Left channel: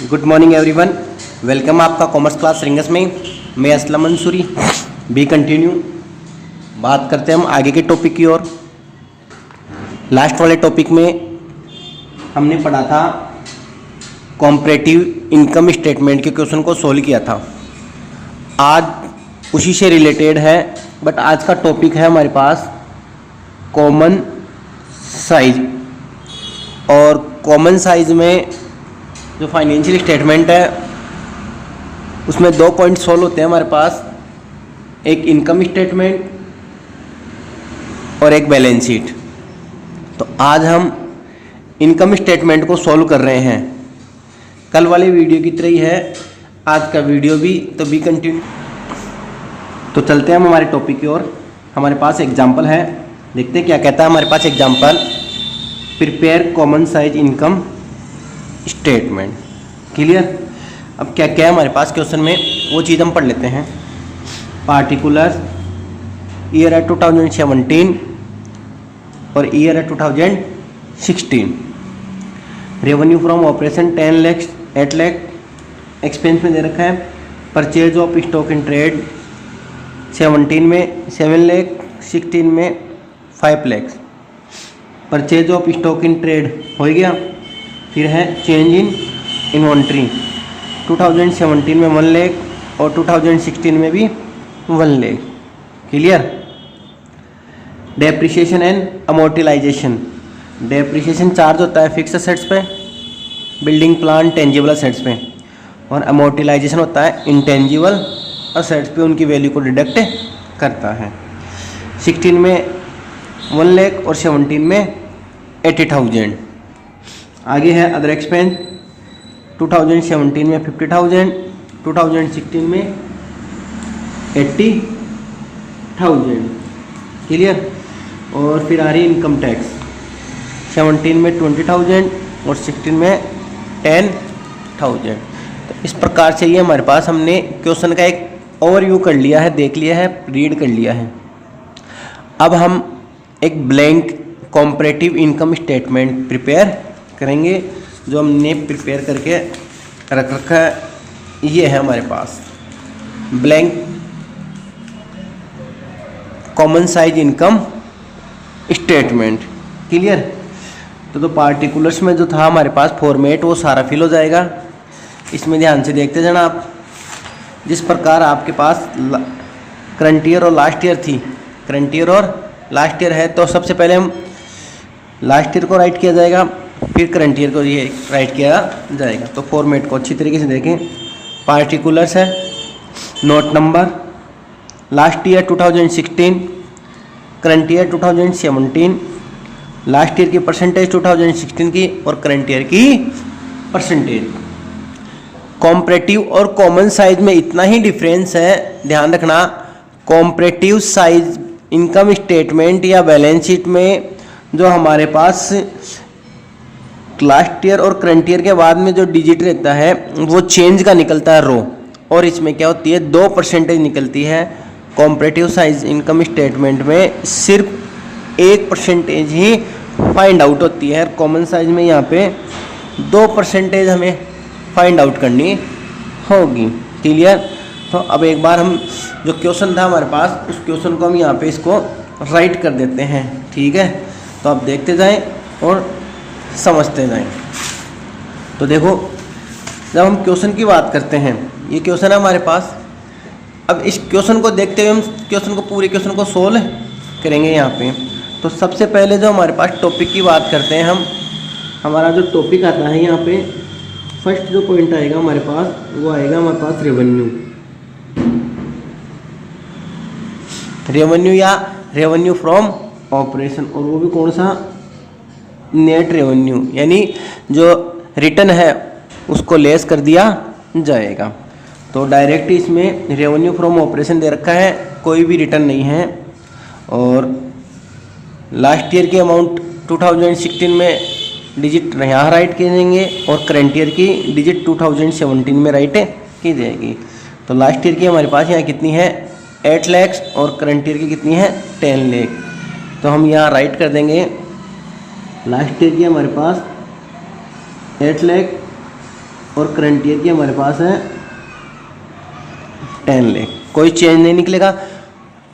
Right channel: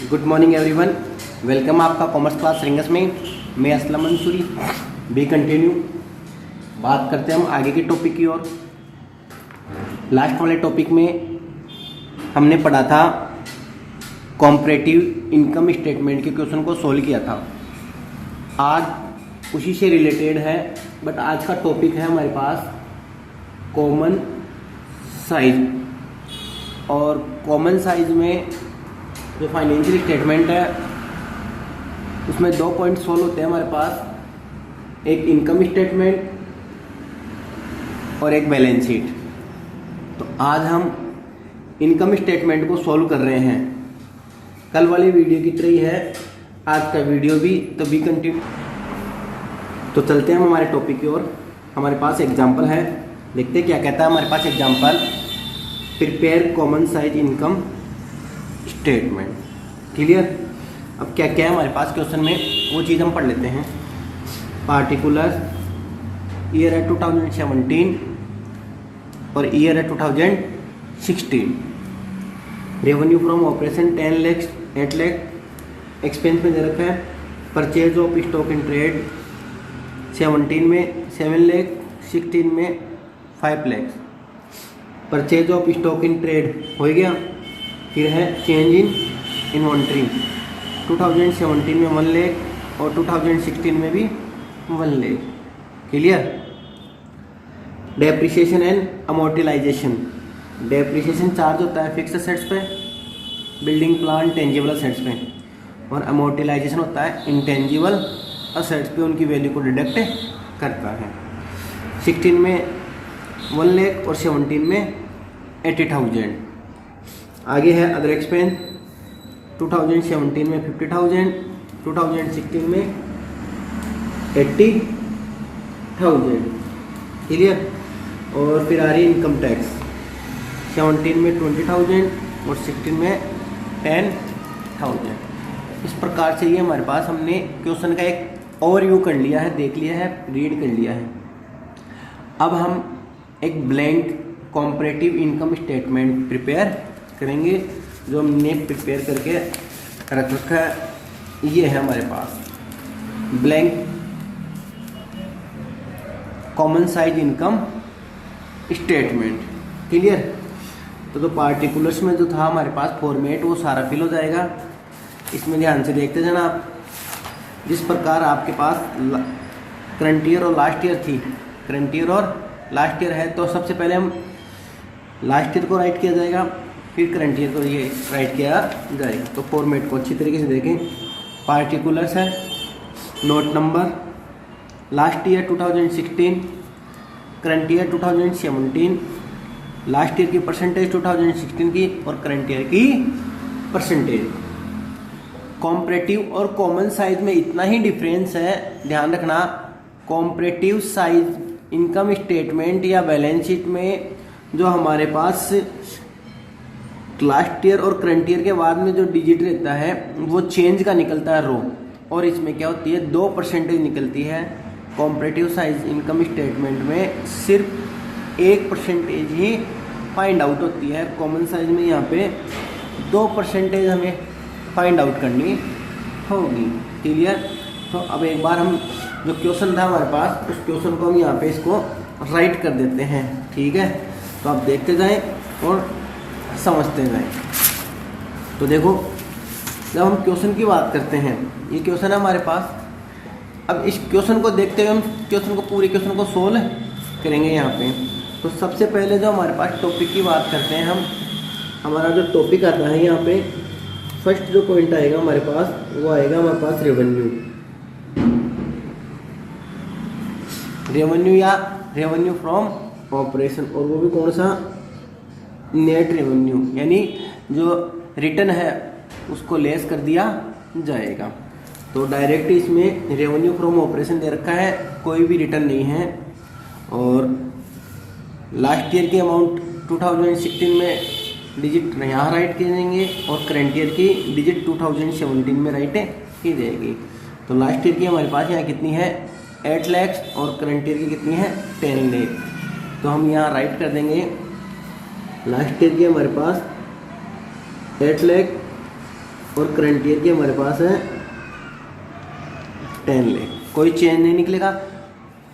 Good morning everyone. Welcome आपका commerce class rings में। मैं असलम मंसूरी। बी कंटिन्यू बात करते हैं हम आगे के टॉपिक की ओर। लास्ट वाले टॉपिक में हमने पढ़ा था कॉम्परेटिव इनकम स्टेटमेंट के क्वेश्चन को सॉल्व किया था। आज उसी से रिलेटेड है, बट आज का टॉपिक है हमारे पास कॉमन साइज। और कॉमन साइज में जो फाइनेंशियल स्टेटमेंट है उसमें 2 पॉइंट सॉल्व होते हैं हमारे पास, एक इनकम स्टेटमेंट और एक बैलेंस शीट। तो आज हम इनकम स्टेटमेंट को सॉल्व कर रहे हैं। कल वाली वीडियो की तरह ही है आज का वीडियो भी, तो बी कंटिन्यू। तो चलते हैं हम हमारे टॉपिक की ओर। हमारे पास एग्जाम्पल है, देखते हैं क्या कहता है हमारे पास example. Prepare common size income statement. Clear. अब क्या क्या है हमारे पास क्वेश्चन में, वो चीज़ हम पढ़ लेते हैं। पार्टिकुलर ईयर है 2017 और ईयर है 2016। Revenue from operation 10 lakh 8 lakh. Expense में दे रखा है purchase of stock in trade 17 में 7 लाख, 16 में 5 lakh. Purchase of stock in trade हो गया। फिर है चेंज इन इन्वेंट्री 2017 में 1 लाख और 2016 में भी 1 lakh. Clear. Depreciation and amortization. Depreciation charge होता है फिक्स असेट्स पे, बिल्डिंग प्लान टेंजिबल असेट्स पे, और अमोर्टिलाइजेशन होता है इंटेंजिबल असेट्स पे, उनकी वैल्यू को डिडक्ट करता है। 16 में 1 लाख और 17 में 80,000। आगे है अदर एक्सपेंस 2017 में 50,000, 2016 में 80,000। क्लियर। और फिर आ रही इनकम टैक्स 17 में 20,000 और 16 में 10,000। तो इस प्रकार से ये हमारे पास हमने क्वेश्चन का एक ओवरव्यू कर लिया है, देख लिया है, रीड कर लिया है। अब हम एक blank comparative income statement prepare करेंगे, जो हमने प्रिपेयर करके रख रखा है। ये है हमारे पास blank common size income statement. Clear. तो पार्टिकुलर्स में जो था हमारे पास फॉर्मेट, वो सारा फिल हो जाएगा। इसमें ध्यान से देखते जाना आप। जिस प्रकार आपके पास करंट ईयर और लास्ट ईयर थी, करंट ईयर और लास्ट ईयर है, तो सबसे पहले हम लास्ट ईयर को राइट किया जाएगा, फिर करंट ईयर को ये राइट किया जाएगा। तो फॉर्मेट को अच्छी तरीके से देखें। पार्टिकुलर्स है, note number, last year 2016, current year 2017, last year की परसेंटेज 2016 की और करंट ईयर की परसेंटेज। कॉम्परेटिव और कॉमन साइज में इतना ही डिफरेंस है, ध्यान रखना। कॉम्परेटिव साइज इनकम स्टेटमेंट या बैलेंस शीट में जो हमारे पास लास्ट ईयर और करंट ईयर के बाद में जो डिजिट रहता है वो चेंज का निकलता है रो, और इसमें क्या होती है 2% निकलती है। कॉम्परेटिव साइज इनकम स्टेटमेंट में सिर्फ 1% ही फाइंड आउट होती है। कॉमन साइज में यहाँ पे 2% हमें फाइंड आउट करनी होगी। क्लियर। तो अब एक बार हम जो क्वेश्चन था हमारे पास, उस क्वेश्चन को हम यहाँ पे इसको राइट कर देते हैं। ठीक है। तो आप देखते जाएं और समझते जाएं। तो देखो, जब हम क्वेश्चन की बात करते हैं, ये क्वेश्चन है हमारे पास। अब इस क्वेश्चन को देखते हुए हम क्वेश्चन को पूरे क्वेश्चन को सोल्व करेंगे यहाँ पे। तो सबसे पहले जो हमारे पास टॉपिक की बात करते हैं हम, हमारा जो टॉपिक आता है यहाँ पे, फर्स्ट जो पॉइंट आएगा हमारे पास, वो आएगा हमारे पास रेवेन्यू। रेवेन्यू या रेवेन्यू फ्रॉम ऑपरेशन, और वो भी कौन सा, नेट रेवेन्यू, यानी जो रिटर्न है उसको लेस कर दिया जाएगा। तो डायरेक्ट इसमें रेवेन्यू फ्रॉम ऑपरेशन दे रखा है, कोई भी रिटर्न नहीं है। और लास्ट ईयर की अमाउंट 2016 में डिजिट यहाँ राइट किए जाएंगे और करंट ईयर की डिजिट 2017 में राइट की जाएगी। तो लास्ट ईयर की हमारे पास यहाँ कितनी है 8 लाख और करंट ईयर की कितनी है 10 लाख। तो हम यहाँ राइट कर देंगे लास्ट ईयर की हमारे पास 8 लाख और करंट ईयर की हमारे पास है 10 लाख। कोई चेंज नहीं निकलेगा,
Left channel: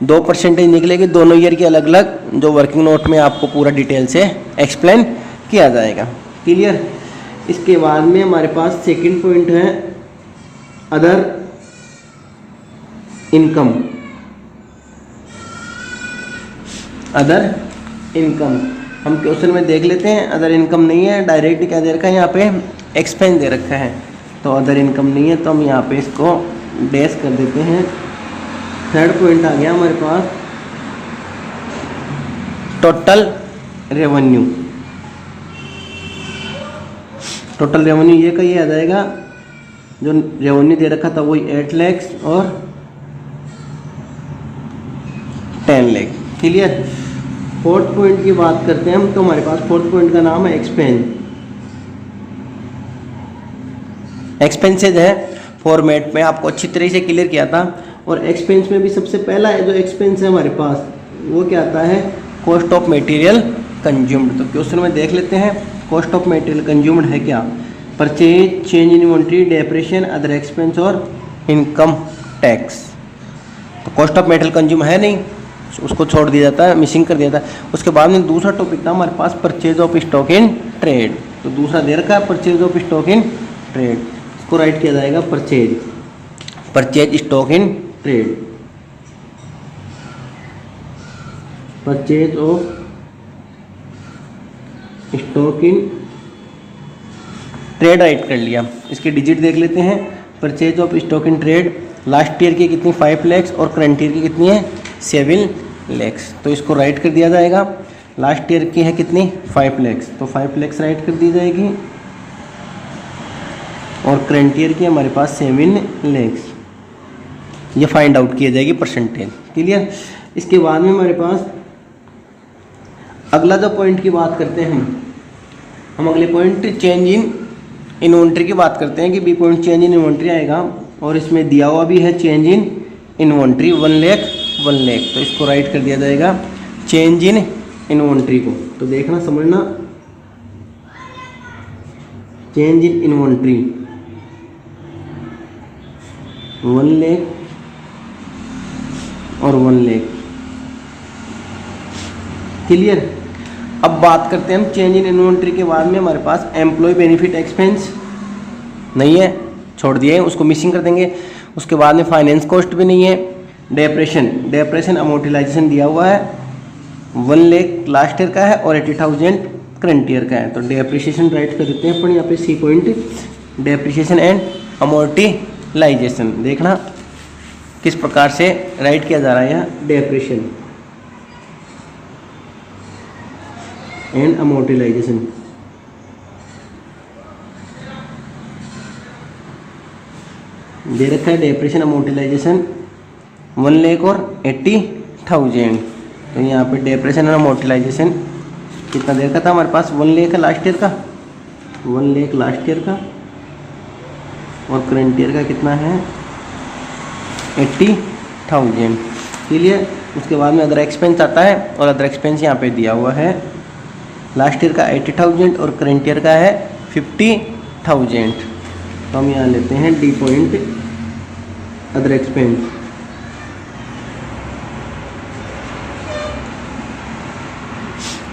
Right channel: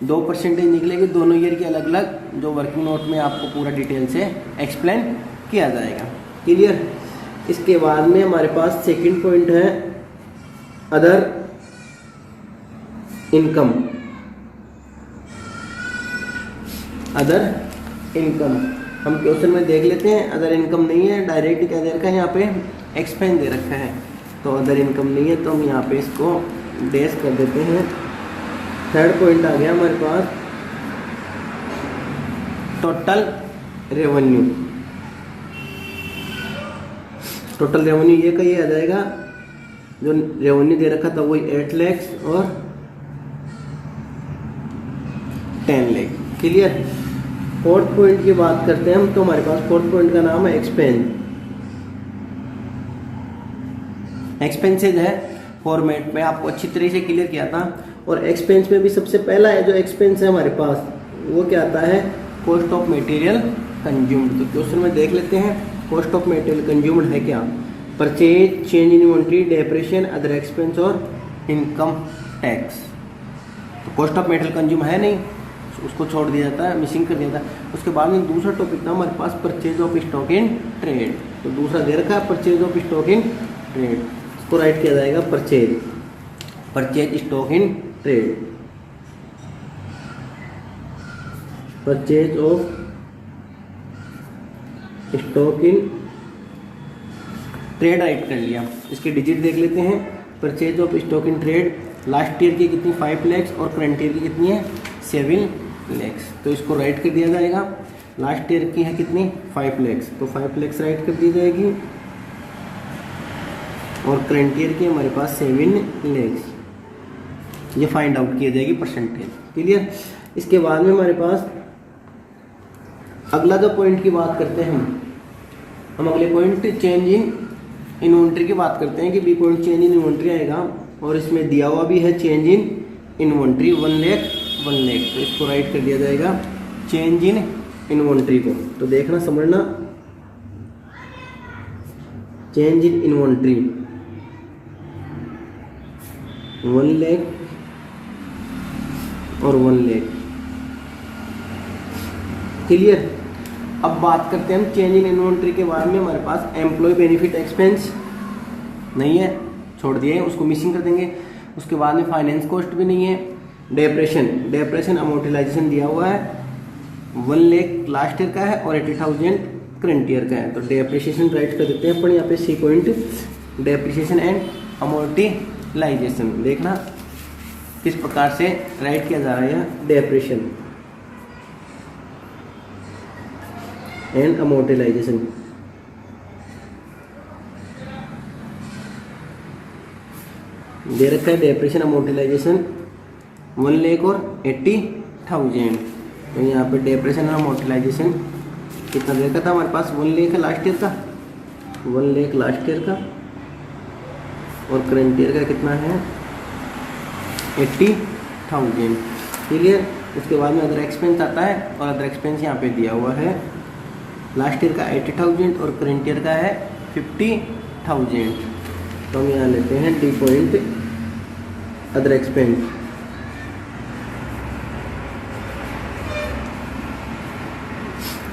2% निकलेगी दोनों ईयर की अलग अलग, जो वर्किंग नोट में आपको पूरा डिटेल से एक्सप्लेन किया जाएगा। क्लियर। इसके बाद में हमारे पास सेकंड पॉइंट है अदर इनकम। अदर इनकम हम क्वेश्चन में देख लेते हैं। अदर इनकम नहीं है, डायरेक्ट क्या दे रखा है यहाँ पे, एक्सपेंस दे रखा है, तो अदर इनकम नहीं है, तो हम यहाँ पे इसको डैश कर देते हैं। थर्ड पॉइंट आ गया हमारे पास टोटल रेवेन्यू। टोटल रेवेन्यू ये कहीं आ जाएगा, जो रेवेन्यू दे रखा था वही 8 लाख और 10 लाख। क्लियर। फोर्थ पॉइंट की बात करते हैं हम, तो हमारे पास फोर्थ पॉइंट का नाम है एक्सपेंस। एक्सपेंसेज है, फॉर्मेट में आपको अच्छी तरह से क्लियर किया था। और एक्सपेंस में भी सबसे पहला है जो एक्सपेंस है हमारे पास, वो क्या आता है, कॉस्ट ऑफ मटेरियल कंज्यूम्ड। तो क्वेश्चन में देख लेते हैं कॉस्ट ऑफ मटेरियल कंज्यूम्ड है क्या, purchase, change in inventory, depreciation, other expense और इनकम टैक्स। तो कॉस्ट ऑफ मटेरियल कंज्यूम है नहीं, उसको छोड़ दिया जाता है, मिसिंग कर दिया था। उसके बाद में दूसरा टॉपिक था हमारे पास purchase of stock in trade. तो दूसरा दे रखा है purchase of stock in trade, इसको राइट किया जाएगा purchase, purchase stock in trade, purchase of stock in trade write कर लिया। इसकी डिजिट देख लेते हैं। Purchase of stock in trade last year की कितनी 5 लाख और करंट ईयर की कितनी है 7 लाख, तो इसको राइट कर दिया जाएगा। लास्ट ईयर की है कितनी 5 लाख, तो 5 लाख राइट कर दी जाएगी और करंट ईयर की हमारे पास 7 लाख, ये फाइंड आउट किया जाएगी परसेंटेज। क्लियर। इसके बाद में हमारे पास अगला जो पॉइंट की बात करते हैं हम अगले पॉइंट चेंज इन इन्वेंट्री की बात करते हैं कि B point change in inventory आएगा और इसमें दिया हुआ भी है चेंज इन इन्वेंट्री 1 लाख, तो इसको राइट कर दिया जाएगा चेंज इन इन्वेंट्री को। तो देखना समझना, चेंज इन इन्वेंट्री 1 लाख और 1 लाख। क्लियर। अब बात करते हैं हम चेंज इन इन्वेंट्री के बाद में हमारे पास एम्प्लॉय बेनिफिट एक्सपेंस नहीं है, छोड़ दिए, उसको मिसिंग कर देंगे। उसके बाद में फाइनेंस कॉस्ट भी नहीं है। डेप्रेशन अमोर्टाइजेशन दिया हुआ है 1 लाख लास्ट ईयर का है और 80,000 करंट ईयर का है, तो डेप्रिसिएशन राइट कर देते हैं अपन यहाँ पे C point, depreciation and amortisation. देखना किस प्रकार से राइट किया जा रहा है यहाँ, डेप्रिसिएशन एंड अमोर्टाइजेशन। दे रखा है डेप्रेशन अमोर्टाइजेशन 1 लाख और 80,000, तो यहाँ पे डेप्रेशन और अमोर्टाइजेशन कितना दे रखा था हमारे पास 1 लाख है लास्ट ईयर का, 1 लाख लास्ट ईयर का और करंट ईयर का कितना है 80,000। क्लियर। उसके बाद में अदर एक्सपेंस आता है और अदर एक्सपेंस यहाँ पे दिया हुआ है लास्ट ईयर का 80,000 और करंट ईयर का है 50,000, तो हम यहाँ लेते हैं D point other expense.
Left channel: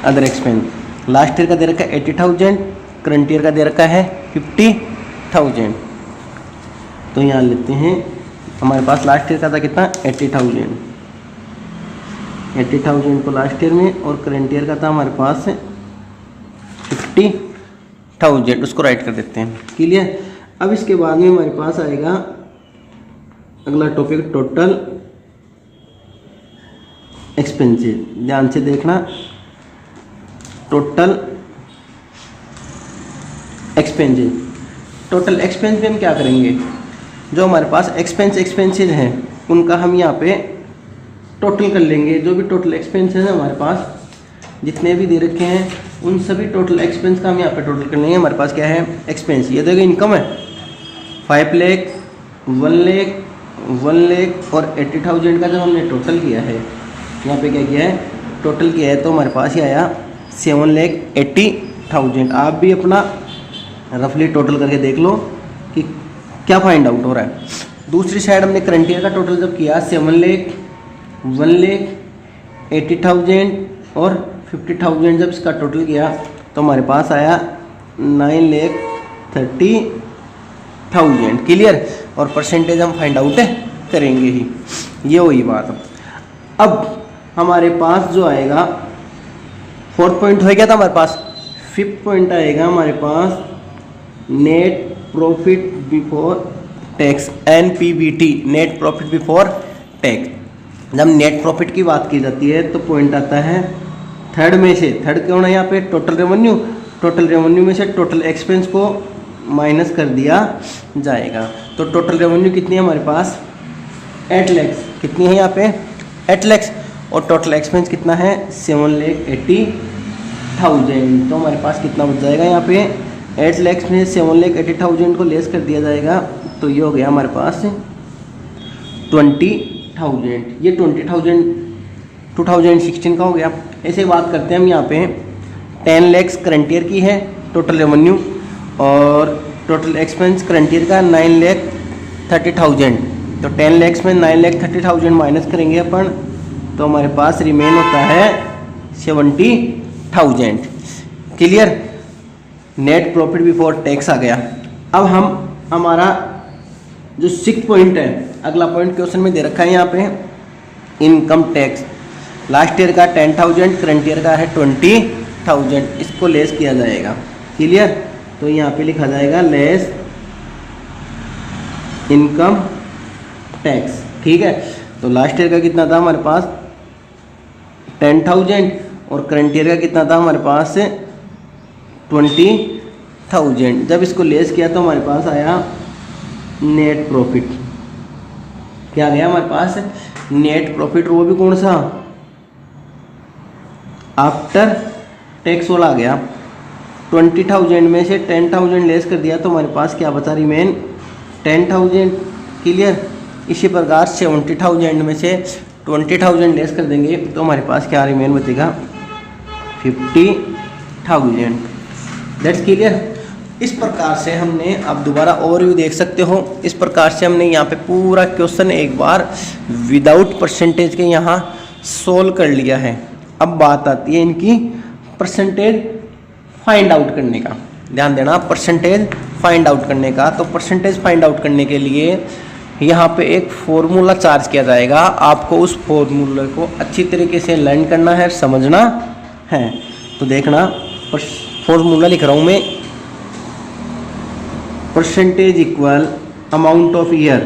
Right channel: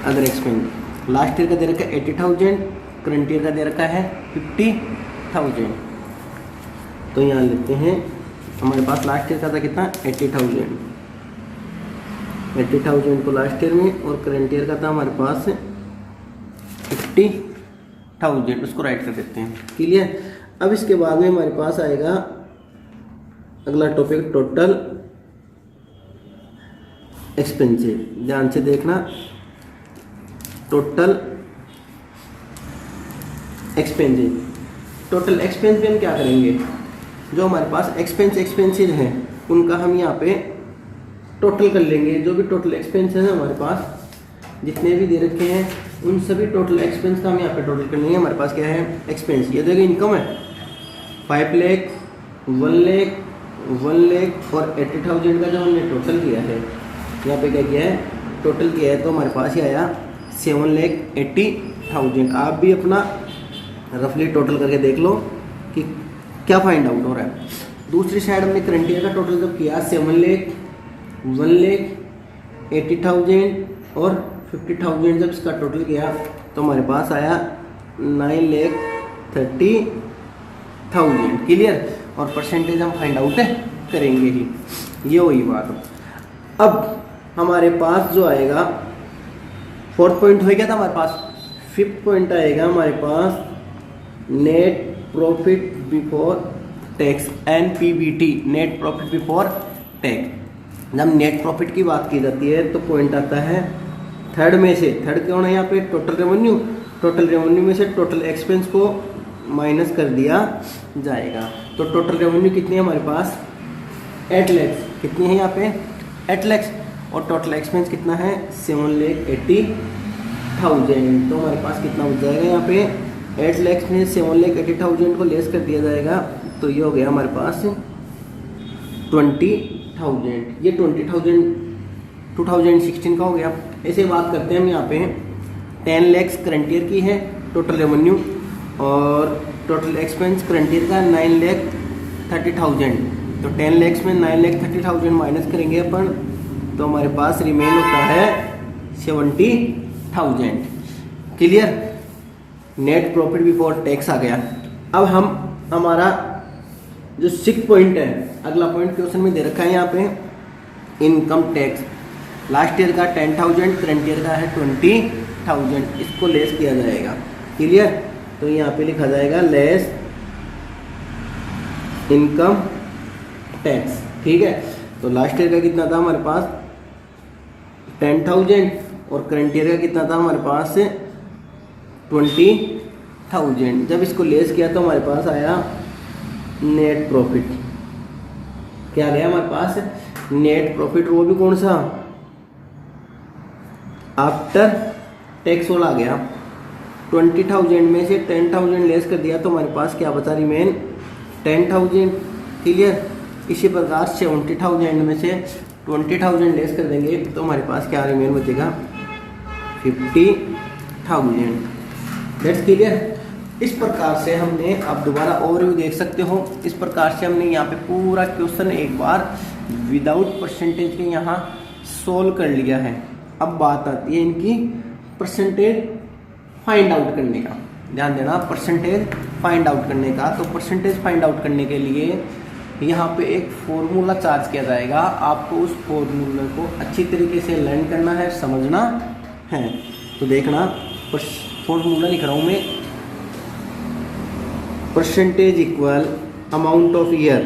Other expense last year का दे रखा है 80,000, करंट ईयर का दे रखा है 50,000, तो यहाँ लेते हैं हमारे पास लास्ट ईयर का था कितना 80,000, 80,000 को लास्ट ईयर में और करंट ईयर का था हमारे पास 50,000, उसको राइट कर देते हैं। क्लियर। अब इसके बाद में हमारे पास आएगा अगला टॉपिक टोटल एक्सपेंसेस। ध्यान से देखना, टोटल एक्सपेंसेस। टोटल एक्सपेंस में हम क्या करेंगे, जो हमारे पास एक्सपेंसेस हैं उनका हम यहाँ पे टोटल कर लेंगे। जो भी टोटल एक्सपेंसेस है हमारे पास जितने भी दे रखे हैं उन सभी टोटल एक्सपेंस का हम यहाँ पे टोटल कर लेंगे। हमारे पास क्या है एक्सपेंस, ये देखो इनकम है 5 लाख, 1 लाख, 1 लाख और 80,000 का जो हमने टोटल किया है, यहाँ पे क्या किया है टोटल किया है, तो हमारे पास ही आया 7,80,000। आप भी अपना रफली टोटल करके देख लो कि क्या फाइंड आउट हो रहा है। दूसरी साइड हमने करंट ईयर का टोटल जब किया 7,80,000 और 50,000 जब इसका टोटल किया तो हमारे पास आया 9,30,000। क्लियर। और परसेंटेज हम फाइंड आउट करेंगे ही, ये वही बात। अब हमारे पास जो आएगा 4th पॉइंट हो गया था हमारे पास। 5th पॉइंट आएगा हमारे पास net profit before tax, NPBT, net profit before tax. जब नेट प्रॉफिट की बात की जाती है तो पॉइंट आता है थर्ड में से। थर्ड कौन है यहाँ पे? Total revenue. टोटल रेवेन्यू में से टोटल एक्सपेंस को माइनस कर दिया जाएगा। तो टोटल रेवेन्यू कितनी है हमारे पास? 8 लाख। कितनी है यहाँ पे? 8 लाख। और टोटल एक्सपेंस कितना है? 7,80,000। तो हमारे पास कितना बच जाएगा यहाँ पे? 8 लाख में 7,80,000 को लेस कर दिया जाएगा तो ये हो गया हमारे पास 20,000। ये 2016 का हो गया। ऐसे बात करते हैं हम यहाँ पे 10 लाख करंट ईयर की है टोटल रेवेन्यू और टोटल एक्सपेंस करंट ईयर का 9,30,000। तो 10 लाख में 9,30,000 माइनस करेंगे अपन तो हमारे पास रिमेन होता है 70,000। Clear. Net profit before tax आ गया। अब हम हमारा जो 6th पॉइंट है, अगला पॉइंट क्वेश्चन में दे रखा है यहाँ पे इनकम टैक्स। लास्ट ईयर का 10,000, करंट ईयर का है 20,000। इसको लेस किया जाएगा। क्लियर। तो यहाँ पे लिखा जाएगा लेस इनकम टैक्स। ठीक है। तो लास्ट ईयर का कितना था हमारे पास? 10,000 और करंट ईयर का कितना था हमारे पास? 20,000। जब इसको लेस किया तो हमारे पास आया नेट प्रॉफिट। क्या गया हमारे पास? Net profit. वो भी कौन सा? आफ्टर टैक्स वाला आ गया। 20,000 में से 10,000 लेस कर दिया तो हमारे पास क्या बचा? रिमेन 10,000। क्लियर। इसी प्रकार 70,000 में से 20,000 लेस कर देंगे तो हमारे पास क्या रिमेन बचेगा? 50,000। That's clear. इस प्रकार से हमने, आप दोबारा ओवरव्यू देख सकते हो, इस प्रकार से हमने यहाँ पे पूरा क्वेश्चन एक बार विदाउट परसेंटेज के यहाँ सोल्व कर लिया है। अब बात आती है इनकी परसेंटेज फाइंड आउट करने का। ध्यान देना, परसेंटेज फाइंड आउट करने का। तो परसेंटेज फाइंड आउट करने के लिए यहाँ पे एक फॉर्मूला चार्ज किया जाएगा। आपको उस फॉर्मूले को अच्छी तरीके से लर्न करना है, समझना है। तो देखना, फॉर्मूला लिख रहा हूँ मैं। Percentage equal amount of year,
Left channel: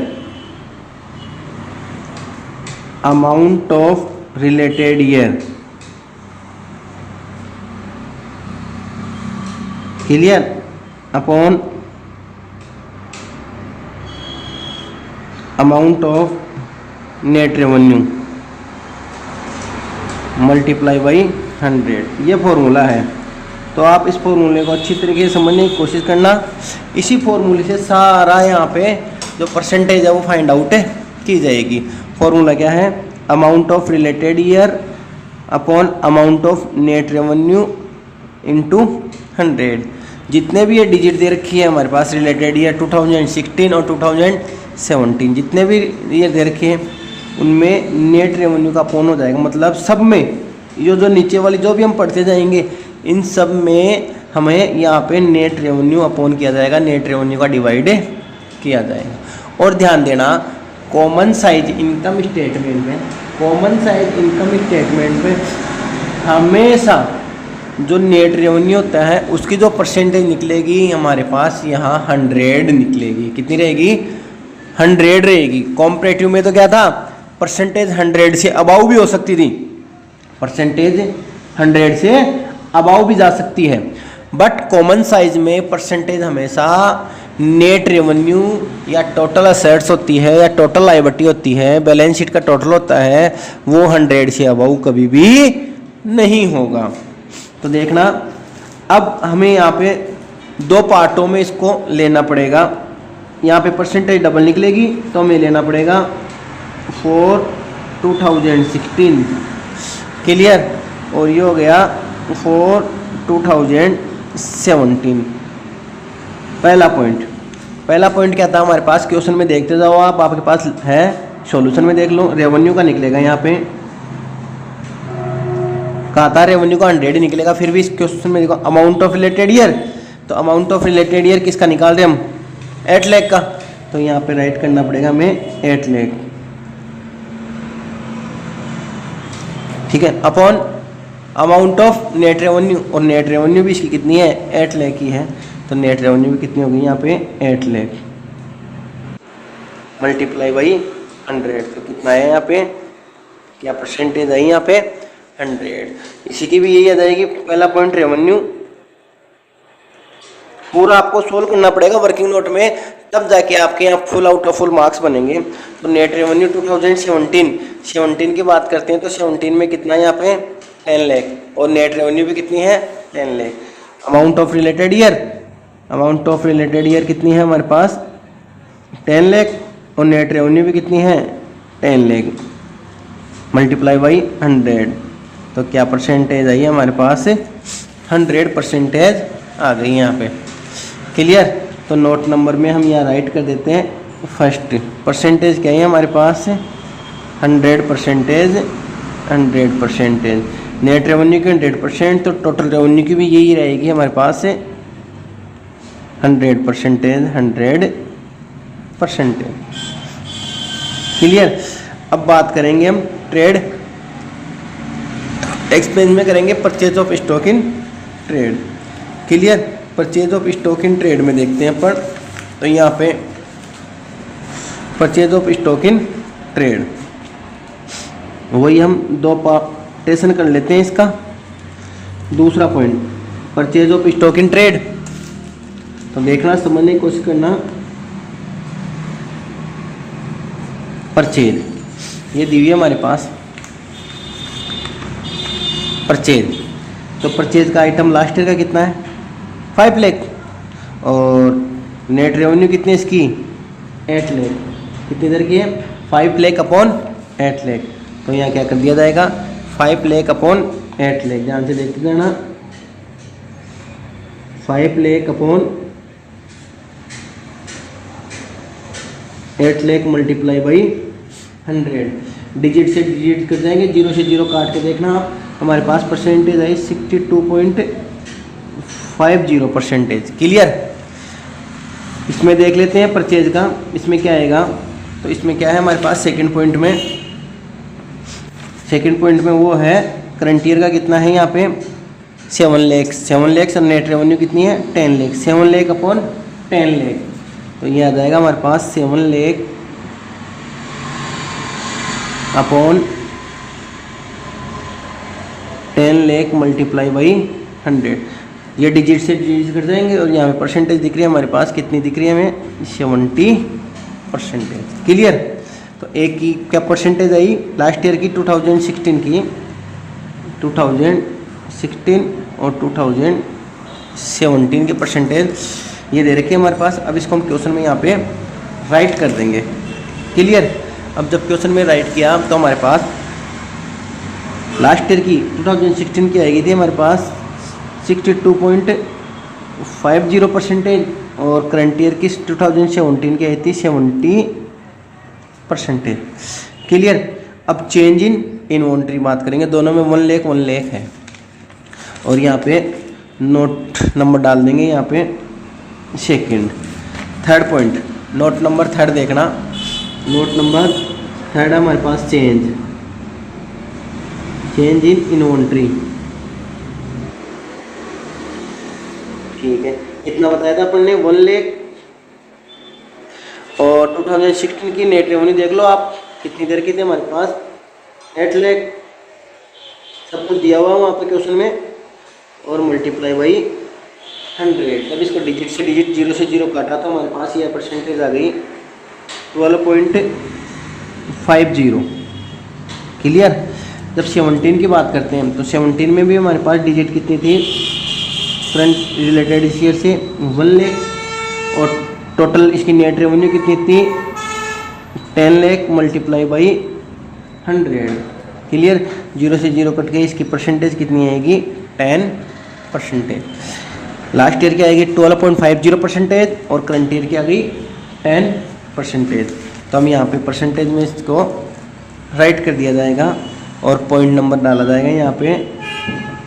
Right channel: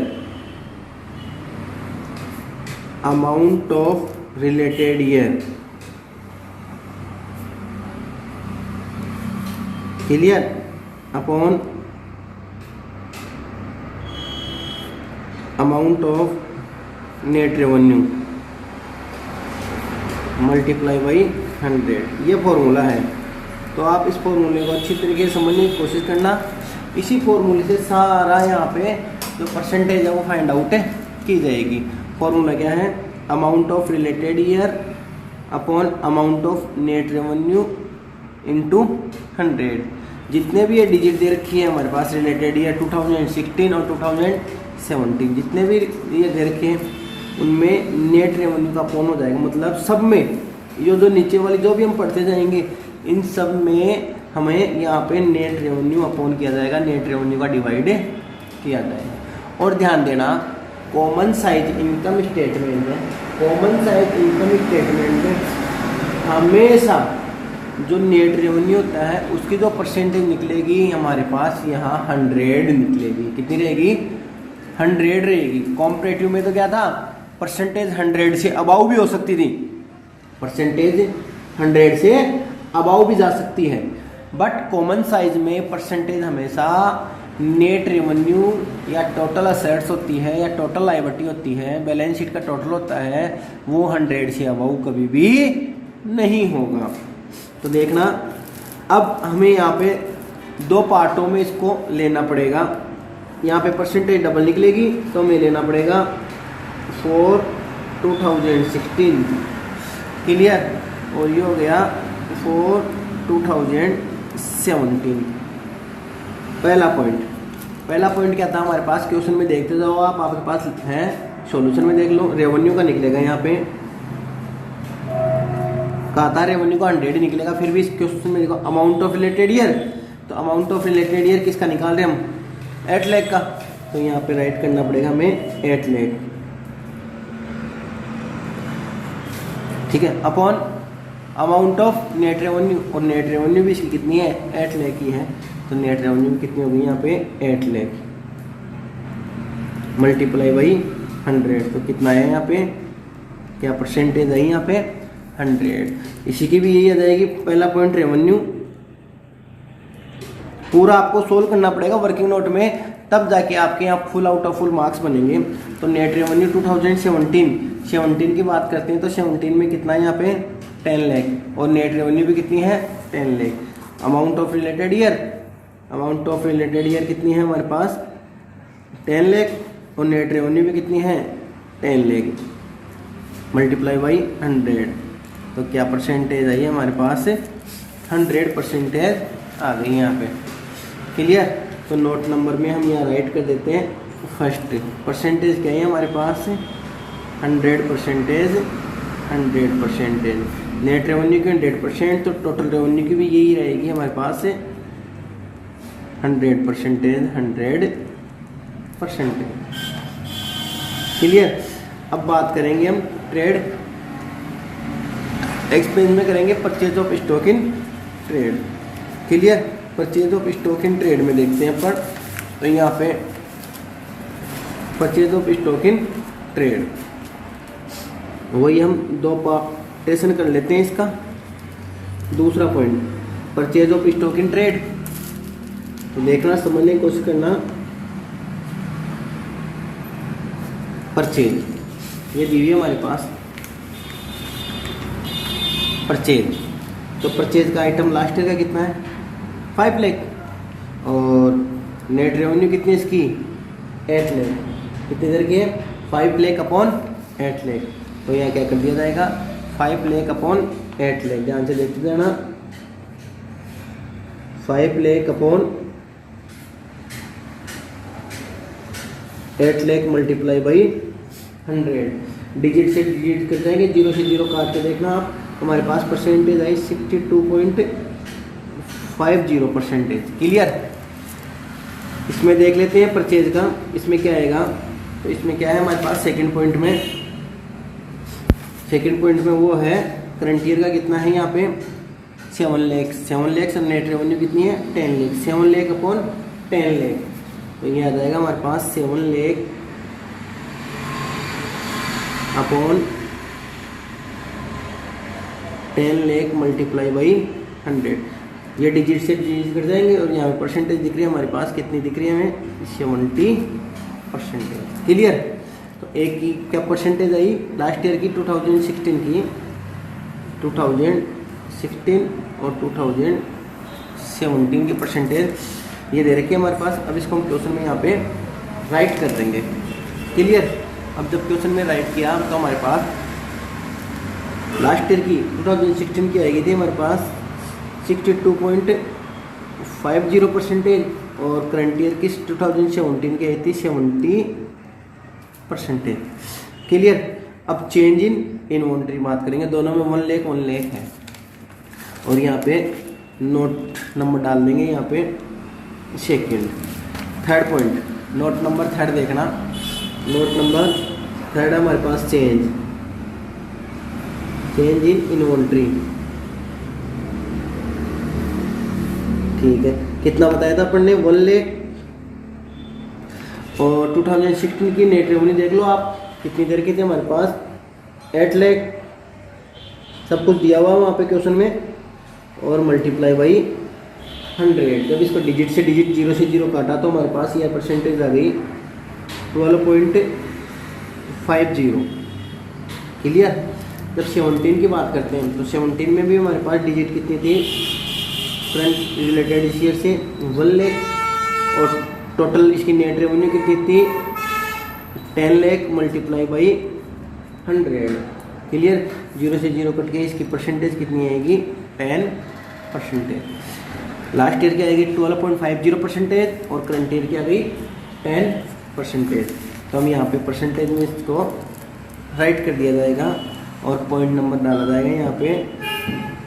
amount of related year. Clear. Upon amount of net revenue multiply by 100। ये फॉर्मूला है। तो आप इस फॉर्मूले को अच्छी तरीके से समझने की कोशिश करना। इसी फॉर्मूले से सारा यहाँ पे जो परसेंटेज है वो फाइंड आउट की जाएगी। फॉर्मूला क्या है? Amount of related year upon amount of net revenue into 100। जितने भी ये डिजिट दे रखी है हमारे पास रिलेटेड ईयर 2016 और 2017, जितने भी ईयर दे रखे हैं उनमें नेट रेवेन्यू का अपॉन हो जाएगा। मतलब सब में ये जो नीचे वाली जो भी हम पढ़ते जाएंगे इन सब में हमें यहाँ पे नेट रेवेन्यू अपॉन किया जाएगा, नेट रेवेन्यू का डिवाइड किया जाएगा। और ध्यान देना, कॉमन साइज इनकम स्टेटमेंट में, कॉमन साइज इनकम स्टेटमेंट में हमेशा जो नेट रेवेन्यू होता है उसकी जो परसेंटेज निकलेगी हमारे पास यहाँ 100 निकलेगी। कितनी रहेगी? 100 रहेगी। कॉम्परेटिव में तो क्या था? परसेंटेज 100 से अबाउ भी हो सकती थी, परसेंटेज 100 से अबाउ भी जा सकती है। बट कॉमन साइज में परसेंटेज हमेशा नेट रेवेन्यू या टोटल असेट्स होती है या टोटल लायबिलिटी होती है, बैलेंस शीट का टोटल होता है, वो 100 से अबाउ कभी भी नहीं होगा। तो देखना, अब हमें यहाँ पे दो पार्टों में इसको लेना पड़ेगा। यहाँ पे परसेंटेज डबल निकलेगी तो हमें लेना पड़ेगा फॉर 2016। क्लियर। और ये हो गया फॉर 2017। पहला पॉइंट। पहला पॉइंट क्या था हमारे पास, क्वेश्चन में देखते जाओ आप, आपके पास है, सॉल्यूशन में देख लो, रेवेन्यू का निकलेगा यहाँ पे, कहा था रेवेन्यू का 100 निकलेगा, फिर भी इस क्वेश्चन में देखो अमाउंट ऑफ रिलेटेड ईयर, तो अमाउंट ऑफ रिलेटेड ईयर किसका निकाल रहे हम, 8 लाख का, तो यहाँ पे राइट करना पड़ेगा हमें 8 लाख, ठीक है, upon amount of net revenue, और नेट रेवेन्यू भी इसकी कितनी है, 8 लाख की है, तो नेट रेवेन्यू भी कितनी होगी यहाँ पे 8 लाख मल्टीप्लाई बाई 100, तो कितना है यहाँ पे, क्या परसेंटेज है यहाँ पे 100। इसी की भी यही आ जाएगी, पहला पॉइंट रेवेन्यू, पूरा आपको सोल्व करना पड़ेगा वर्किंग नोट में, तब जाके आपके यहाँ full out of full marks बनेंगे। तो नेट रेवेन्यू 2017 की बात करते हैं, तो 17 में कितना है यहाँ पे 10 लाख, और नेट रेवेन्यू भी कितनी है 10 lakh. Amount of related year कितनी है हमारे पास 10 लाख, और नेट रेवेन्यू भी कितनी है 10 लाख मल्टीप्लाई बाई 100, तो क्या परसेंटेज आई हमारे पास 100% आ गई यहाँ पे, क्लियर। तो नोट नंबर में हम यहाँ राइट कर देते हैं फर्स्ट, परसेंटेज क्या है हमारे पास 100%, नेट रेवेन्यू की 100%, तो टोटल रेवेन्यू की भी यही रहेगी हमारे पास 100%, क्लियर। अब बात करेंगे हम ट्रेड एक्सपेंस में, करेंगे purchase of stock in trade, clear. Purchase of stock in trade में देखते हैं अपन, तो यहाँ पे purchase of stock in trade, वही हम दो पार्टीशन कर लेते हैं इसका। दूसरा point purchase of stock in trade, तो देखना समझने की कोशिश करना, परचेज ये दी हुई है हमारे पास परचेज, तो परचेज का आइटम लास्ट ईयर का कितना है 5 लाख, और नेट रेवेन्यू कितनी है इसकी 8 लाख, कितनी देर की है 5 लाख अपॉन 8 लाख, तो यहाँ क्या कर दिया जाएगा 5 लाख अपॉन 8 लाख, ध्यान से देखते जाना, 5 lakh upon 8 lakh multiply by 100, digit से डिजिट कर जाएंगे, 0 से 0 काट के देखना आप, हमारे पास परसेंटेज आई 62.50%, क्लियर। इसमें देख लेते हैं परचेज का, इसमें क्या आएगा, तो इसमें क्या है हमारे पास सेकंड पॉइंट में वो है करंट ईयर का कितना है यहाँ पे 7 लाख, और नेट रेवेन्यू कितनी है 10 लाख, 7 लाख अपॉन 10 लाख, तो ये आ जाएगा हमारे पास 7 lakh upon 10 lakh multiply by 100, ये डिजिट से डिजिट कर जाएंगे, और यहाँ पे परसेंटेज दिख रही है हमारे पास, कितनी दिख रही है हमें 70%, क्लियर। तो एक की क्या परसेंटेज आई लास्ट ईयर की 2016 की, 2016 और 2017 की परसेंटेज ये दे रखी है हमारे पास। अब इसको हम क्वेश्चन में यहाँ पे राइट कर देंगे, क्लियर। अब जब क्वेश्चन में राइट किया तो हमारे पास लास्ट ईयर की 2016 की आएगी थी हमारे पास 62.50%, और करंट ईयर की 2017 की आई थी 70%, क्लियर। अब चेंज इन इन्वेंटरी बात करेंगे, दोनों में 1 लाख है, और यहाँ पे नोट नंबर डाल देंगे यहाँ पे second. Third point note number third देखना, नोट नंबर थर्ड हमारे पास चेंज इन इन्वेंटरी, ठीक है। कितना बताया था अपन ने 1 लाख, और 2016 की नेट रेवेन्यू देख लो आप कितनी देर की थी हमारे पास 8 लाख, सब कुछ दिया हुआ वहाँ पे क्वेश्चन में, और मल्टीप्लाई बाई 100, जब इसको डिजिट से डिजिट 0 से 0 काटा तो हमारे पास यह परसेंटेज आ गई 12.50, क्लियर। जब 17 की बात करते हैं तो 17 में भी हमारे पास डिजिट कितनी थी फ्रंट रिलेटेड ईयर से 1 लाख, और टोटल इसकी नेट रेवेन्यू कितनी थी 10 लाख मल्टीप्लाई बाई 100, क्लियर। 0 से 0 कट गई, इसकी परसेंटेज कितनी आएगी 10%, लास्ट ईयर की आएगी 12.50% और करंट ईयर की आ गई 10%। तो हम यहाँ पे परसेंटेज में इसको राइट कर दिया जाएगा और पॉइंट नंबर डाला जाएगा यहाँ पे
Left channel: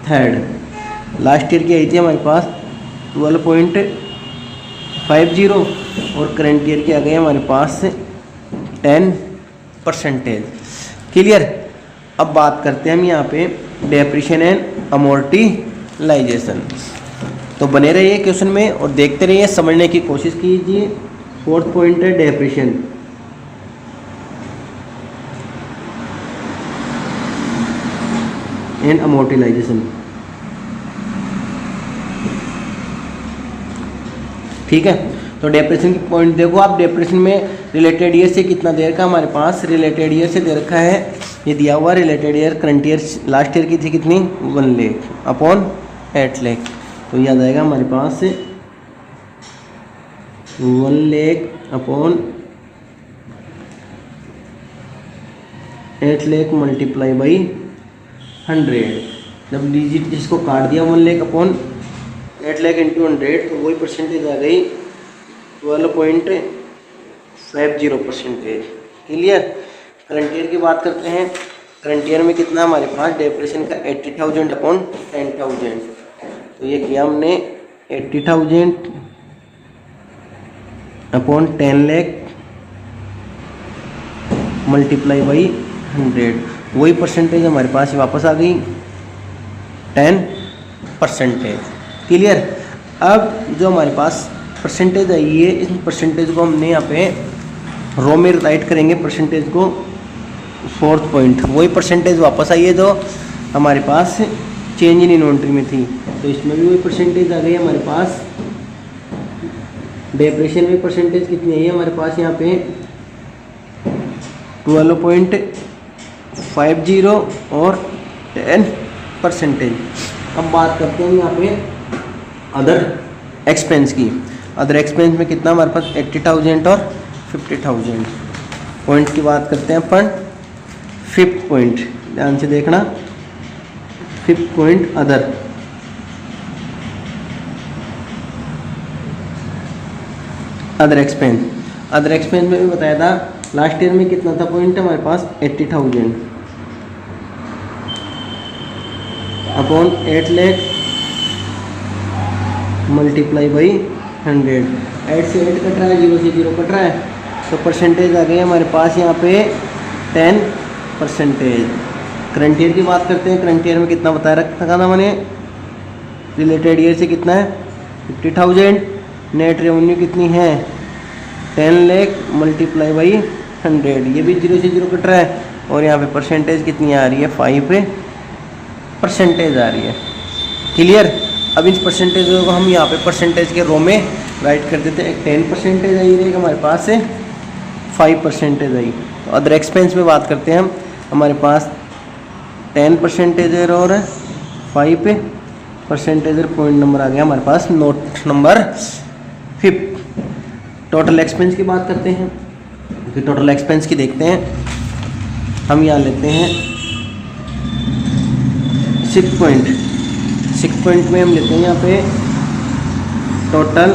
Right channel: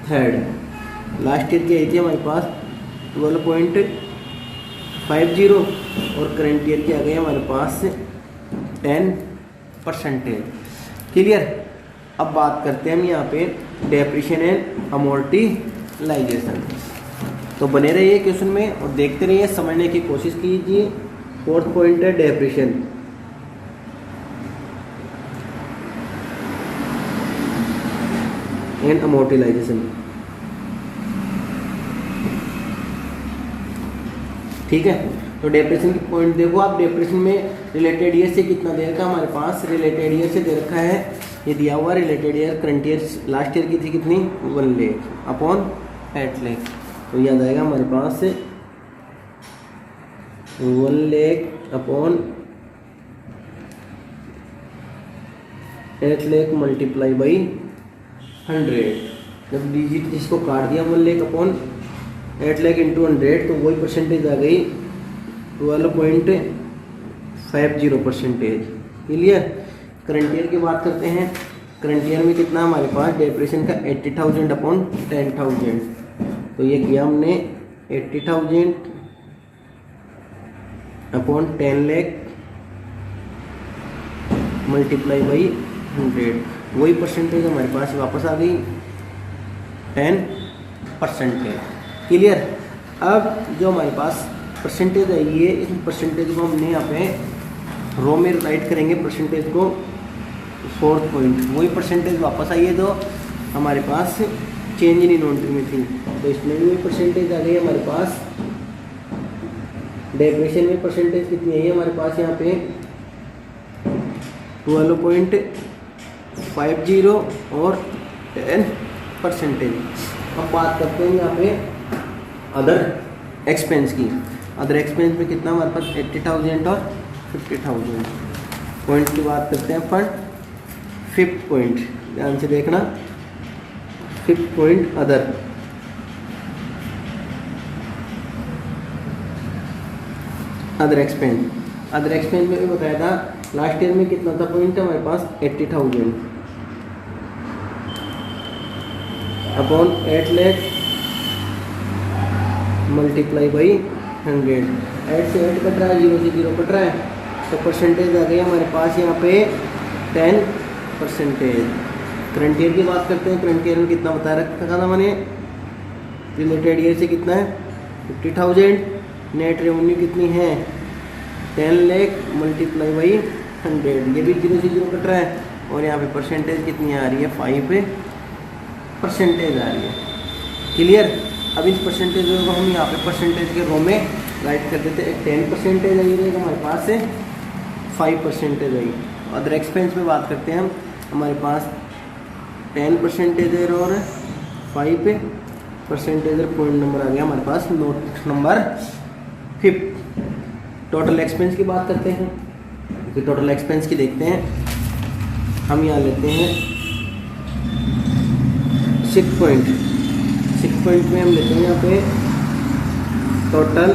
3rd। लास्ट ईयर की आई थी हमारे पास 12.50 और करंट ईयर की आ गई हमारे पास 10%। क्लियर। अब बात करते हैं हम यहाँ पे डेप्रिसिएशन एंड अमोर्टाइजेशन। तो बने रहिए क्वेश्चन में और देखते रहिए, समझने की कोशिश कीजिए। 4th पॉइंट है डेप्रिसिएशन। And amortisation. ठीक है, तो डेप्रिसिएशन की पॉइंट देखो आप। डेप्रिसिएशन में रिलेटेड ईयर से कितना दे रखा है हमारे पास, रिलेटेड ईयर से दे रखा है, ये दिया हुआ related year current year last year की थी कितनी 1 लाख अपॉन 8 लाख। तो ये आ जाएगा हमारे पास 1 lakh upon 8 lakh multiply by 100। जब डिजिट जिसको काट दिया 1 लाख अपॉन 8 लाख इंटू 100 तो वही परसेंटेज आ गई 12.50%। क्लियर। करंट ईयर की बात करते हैं। करंट ईयर में कितना हमारे पास डेप्रिसिएशन का 80,000 अपॉन 10,000। तो ये किया हमने 80,000 अपॉन 10 लाख मल्टीप्लाई बाई 100। वही परसेंटेज हमारे पास वापस आ गई 10%। क्लियर। अब जो हमारे पास परसेंटेज आई है, इस परसेंटेज को हमने यहाँ पे रो में राइट करेंगे परसेंटेज को। 4th पॉइंट वही परसेंटेज वापस आई है जो हमारे पास चेंज इन इन्वेंट्री में थी। तो इसमें भी वही परसेंटेज आ गई हमारे पास। डेप्रिसिएशन में परसेंटेज कितनी आई है हमारे पास यहाँ पे 12.50 और 10%। अब बात करते हैं यहाँ पे अदर एक्सपेंस की। अदर एक्सपेंस में कितना हमारे पास 80,000 और 50,000। पॉइंट की बात करते हैं अपन। 5th पॉइंट ध्यान से देखना। 5th point other. Other expense. Other expense में भी बताया था लास्ट ईयर में कितना था पॉइंट हमारे पास 80,000 अपॉन 8 लाख मल्टीप्लाई बाई 100। 8 से 8 कट रहा है, 0 से 0 कट रहा है, तो परसेंटेज आ गई हमारे पास यहाँ पे 10%। करंट ईयर की बात करते हैं। करंट ईयर में कितना बताया रखा था मैंने, रिलेटेड ईयर से कितना है 50,000। नेट रेवेन्यू कितनी है 10 लाख मल्टीप्लाई बाई 100। ये भी 0 से 0 कट रहा है और यहाँ पे परसेंटेज कितनी आ रही है 5% आ रही है। क्लियर। अब इस परसेंटेज को हम यहाँ पे परसेंटेज के रो में राइट कर देते हैं। 10% आई रहेगा हमारे पास से 5% आई। तो अदर एक्सपेंस में बात करते हैं हम, हमारे पास 10% और 5% पॉइंट नंबर आ गया हमारे पास नोट नंबर 5। टोटल एक्सपेंस की बात करते हैं। फिर टोटल एक्सपेंस की देखते हैं। हम यहाँ लेते हैं 6 पॉइंट। 6 पॉइंट में हम लेते हैं यहाँ पे टोटल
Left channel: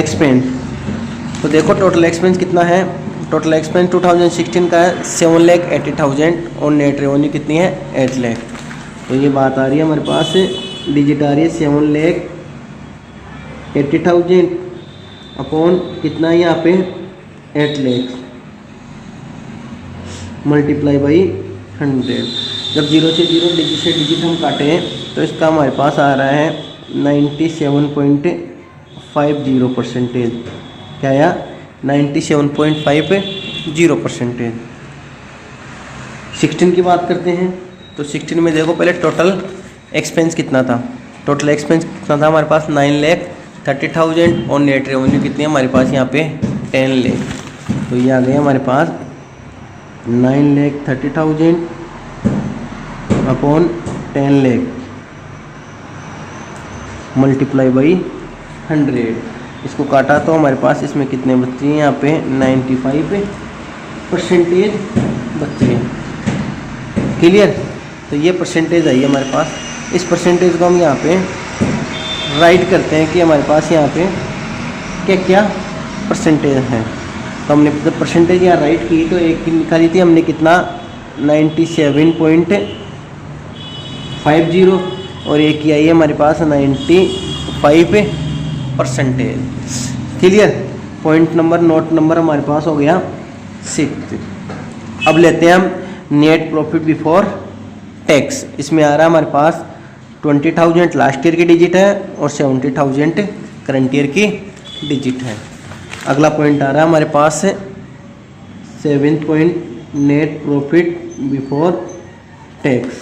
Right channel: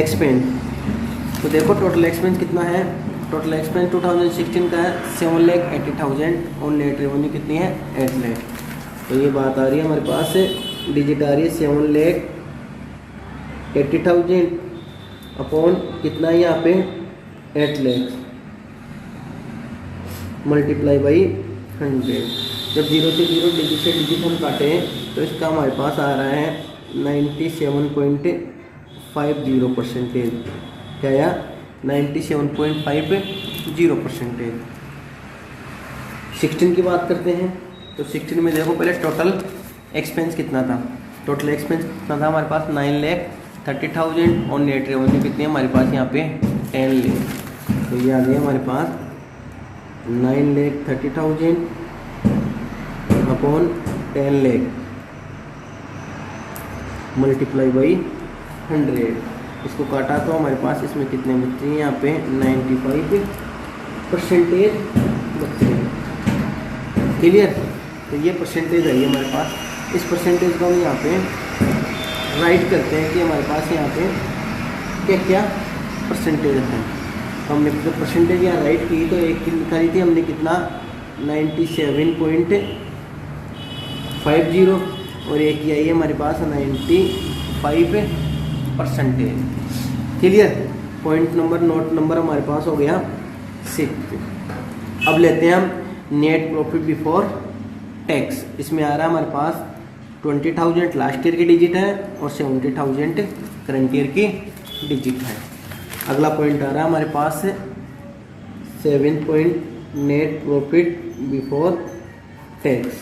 एक्सपेंस। तो देखो टोटल एक्सपेंस कितना है। टोटल एक्सपेंस 2016 का है 7,80,000 और नेट रेवेन्यू कितनी है 8 लाख। तो ये बात आ रही है हमारे पास, डिजिट आ रही है 7,80,000 अपॉन कितना है यहाँ पे 8 लाख मल्टीप्लाई बाई 100। जब 0 से 0 डिजिट से डिजिट हम काटें तो इसका हमारे पास आ रहा है 97.50%। क्या आया 97.50%। 16 की बात करते हैं। तो 16 में देखो पहले टोटल एक्सपेंस कितना था। टोटल एक्सपेंस कितना था हमारे पास 9,30,000 और नेट रेवेन्यू कितनी है हमारे पास यहाँ पे 10 लाख। तो ये आ गया हमारे पास 9,30,000 अपॉन 10 लाख मल्टीप्लाई बाई 100। इसको काटा तो हमारे पास इसमें कितने बच्चे हैं यहाँ पे 95% बच्चे हैं। क्लियर। तो ये परसेंटेज आई है हमारे पास। इस परसेंटेज को हम यहाँ पे राइट करते हैं कि हमारे पास यहाँ पे क्या क्या परसेंटेज है। तो हमने जब परसेंटेज यहाँ राइट की तो एक की निकाली थी हमने कितना 97.50 और एक की आई है हमारे पास 95%। Clear. Point number note number हमारे पास हो गया 6। अब लेते हैं हम नेट प्रॉफिट बिफोर टैक्स। इसमें आ रहा है हमारे पास 20,000 लास्ट ईयर की डिजिट है और 70,000 करंट ईयर की डिजिट है। अगला पॉइंट आ रहा है हमारे पास 7th point net profit before tax.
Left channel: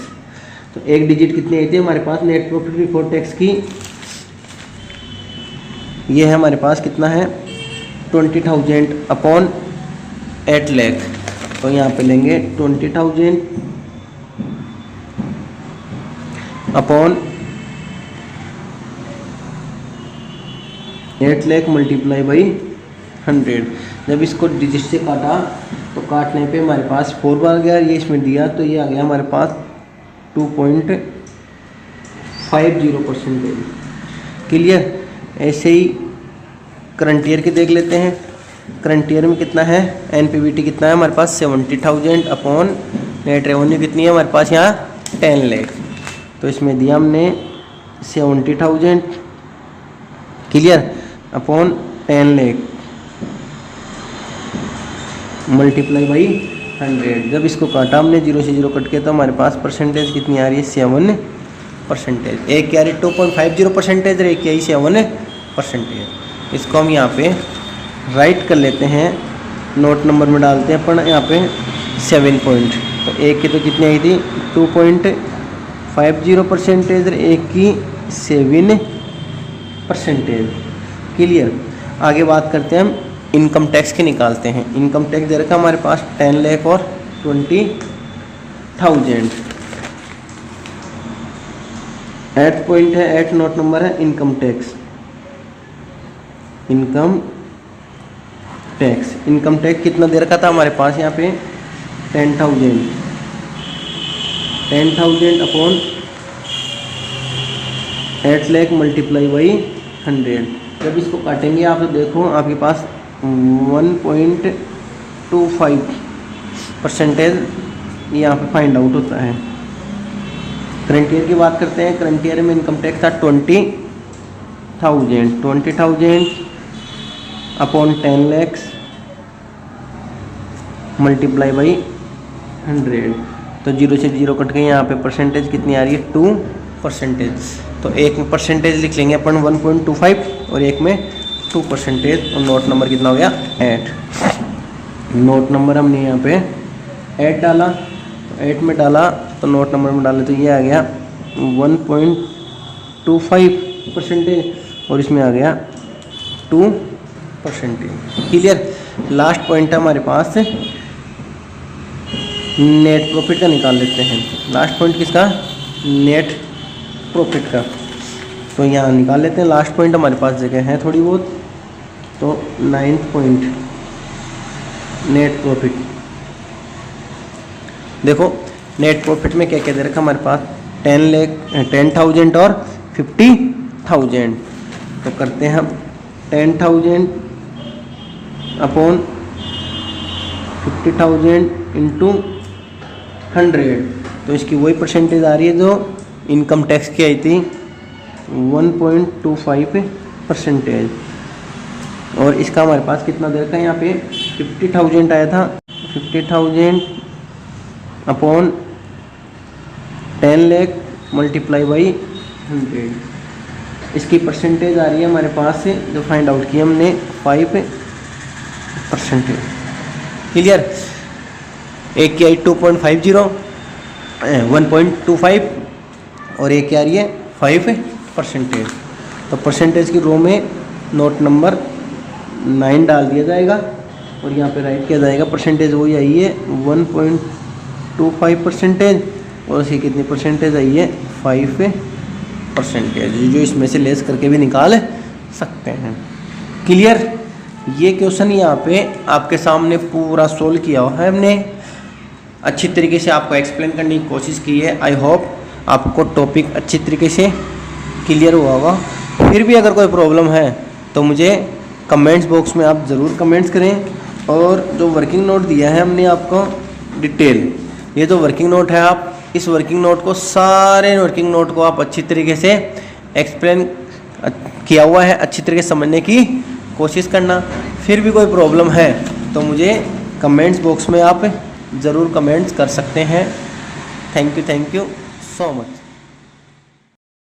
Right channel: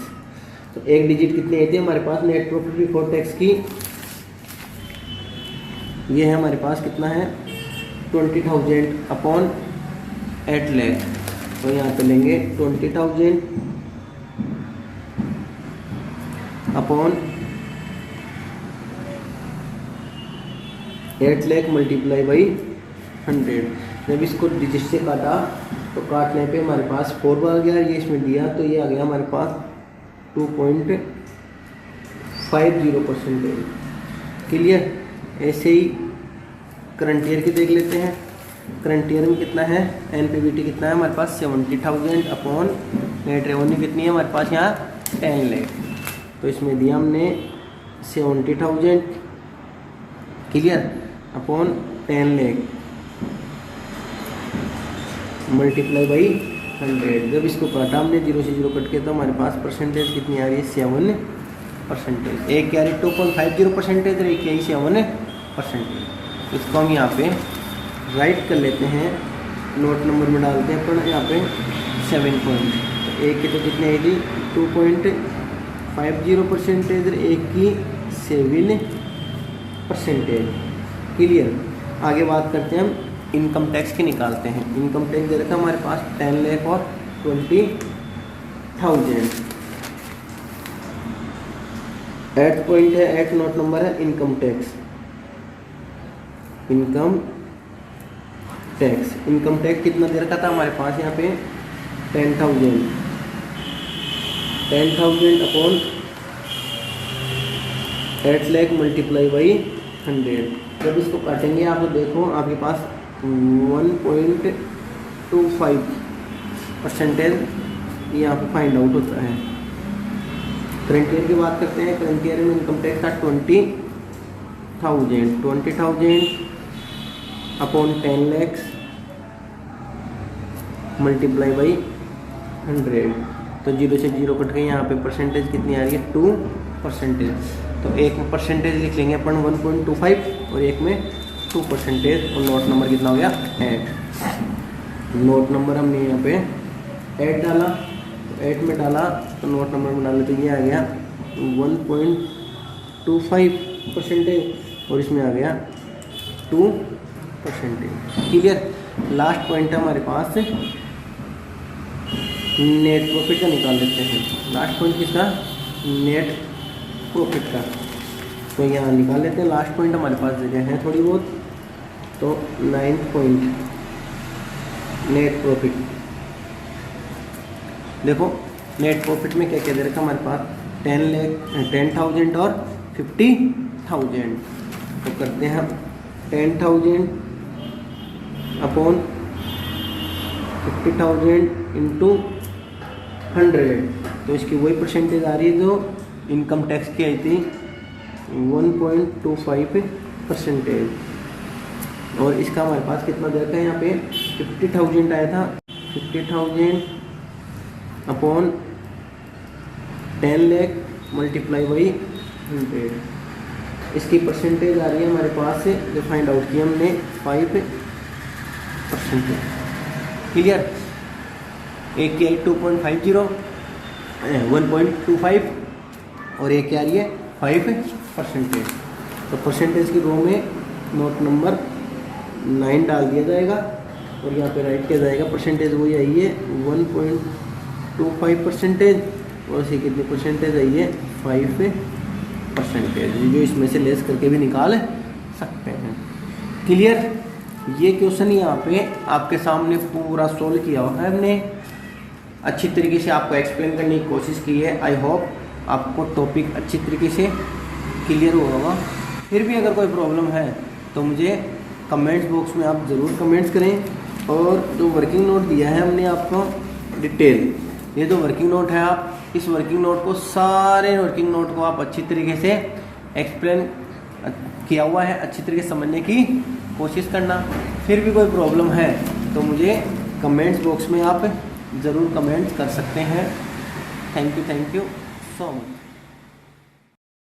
तो एक डिजिट कितनी आई थी हमारे पास नेट प्रॉफिट बिफोर टैक्स की, ये है हमारे पास कितना है 20,000 अपॉन 8 लाख। तो यहाँ पे लेंगे 20,000 अपॉन 8 लाख मल्टीप्लाई बाई 100। जब इसको डिजिट से काटा तो काटने पे हमारे पास 4 बार गया, ये इसमें दिया तो ये आ गया हमारे पास 2.50%। क्लियर। ऐसे ही करंट ईयर के देख लेते हैं। करंट ईयर में कितना है एनपीबीटी कितना है हमारे पास 70,000 अपॉन नेट रेवेन्यू कितनी है हमारे पास यहाँ 10 लाख। तो इसमें दिया हमने 70,000 clear upon 10 lakh multiply by 100। जब इसको काटा हमने 0 से 0 कट के तो हमारे पास परसेंटेज कितनी आ रही है 7%। एक की आ रही 2.50% और एक की आई 7%। इसको हम यहाँ पे राइट कर लेते हैं, नोट नंबर में डालते हैं पर यहाँ पे 7 पॉइंट। तो एक की तो कितनी आई थी 2.50% और एक की 7%। क्लियर। आगे बात करते हैं हम इनकम टैक्स के निकालते हैं। इनकम टैक्स दे रखा हमारे पास 10 लाख और 20,000। 8th पॉइंट है 8 नोट नंबर है इनकम टैक्स। इनकम टैक्स कितना दे रखा था हमारे पास यहाँ पे 10,000 अपॉन 8 लाख मल्टीप्लाई बाई 100। जब इसको काटेंगे आप तो देखो आपके पास 1.25% यहाँ पे फाइंड आउट होता है। करंट ईयर की बात करते हैं। करंट ईयर में इनकम टैक्स था 20,000 अपॉन 10 लाख मल्टीप्लाई बाई 100। तो 0 से 0 कट गए, यहाँ पे परसेंटेज कितनी आ रही है 2%। तो एक में परसेंटेज लिख लेंगे अपन 1.25 और एक में 2%। और नोट नंबर कितना हो गया 8। नोट नंबर हमने यहाँ पे 8 डाला, 8 में डाला तो नोट नंबर में डाले तो ये आ गया 1.25% और इसमें आ गया 2%। क्लियर। लास्ट पॉइंट है हमारे पास नेट प्रॉफिट का निकाल लेते हैं। लास्ट पॉइंट किसका नेट प्रॉफिट का। तो यहाँ निकाल लेते हैं। लास्ट पॉइंट हमारे पास जगह है थोड़ी बहुत। तो 9th पॉइंट नेट प्रॉफिट। देखो नेट प्रॉफिट में क्या क्या दे रखा हमारे पास 10,000 और 50,000। तो करते हैं हम 10,000 अपॉन 50,000 इंटू 100। तो इसकी वही परसेंटेज आ रही है जो इनकम टैक्स की आई थी 1.25%। और इसका हमारे पास कितना दे रखा है यहाँ पे 50,000 आया था। 50,000 अपॉन 10 लाख मल्टीप्लाई बाई 100। इसकी परसेंटेज आ रही है हमारे पास से जो फाइंड आउट किया हमने 5%। क्लियर। एक की आई 2.50 1.25 और एक की आ रही है 5%। तो परसेंटेज की रो में नोट नंबर 9 डाल दिया जाएगा और यहाँ पे राइट किया जाएगा। परसेंटेज वही आई है 1.25% और उसकी कितनी परसेंटेज आई है 5%, जो इसमें से लेस करके भी निकाल सकते हैं। क्लियर। ये क्वेश्चन यहाँ पे आपके सामने पूरा सोल्व किया हुआ है हमने। अच्छी तरीके से आपको एक्सप्लेन करने की कोशिश की है। आई होप आपको टॉपिक अच्छी तरीके से क्लियर हुआ होगा फिर भी अगर कोई प्रॉब्लम है तो मुझे कमेंट्स बॉक्स में आप ज़रूर कमेंट्स करें। और जो वर्किंग नोट दिया है हमने आपको डिटेल, ये जो वर्किंग नोट है, आप इस वर्किंग नोट को, सारे वर्किंग नोट को आप अच्छी तरीके से एक्सप्लेन किया हुआ है, अच्छी तरीके से समझने की कोशिश करना। फिर भी कोई प्रॉब्लम है तो मुझे कमेंट्स बॉक्स में आप ज़रूर कमेंट्स कर सकते हैं। Thank you so much.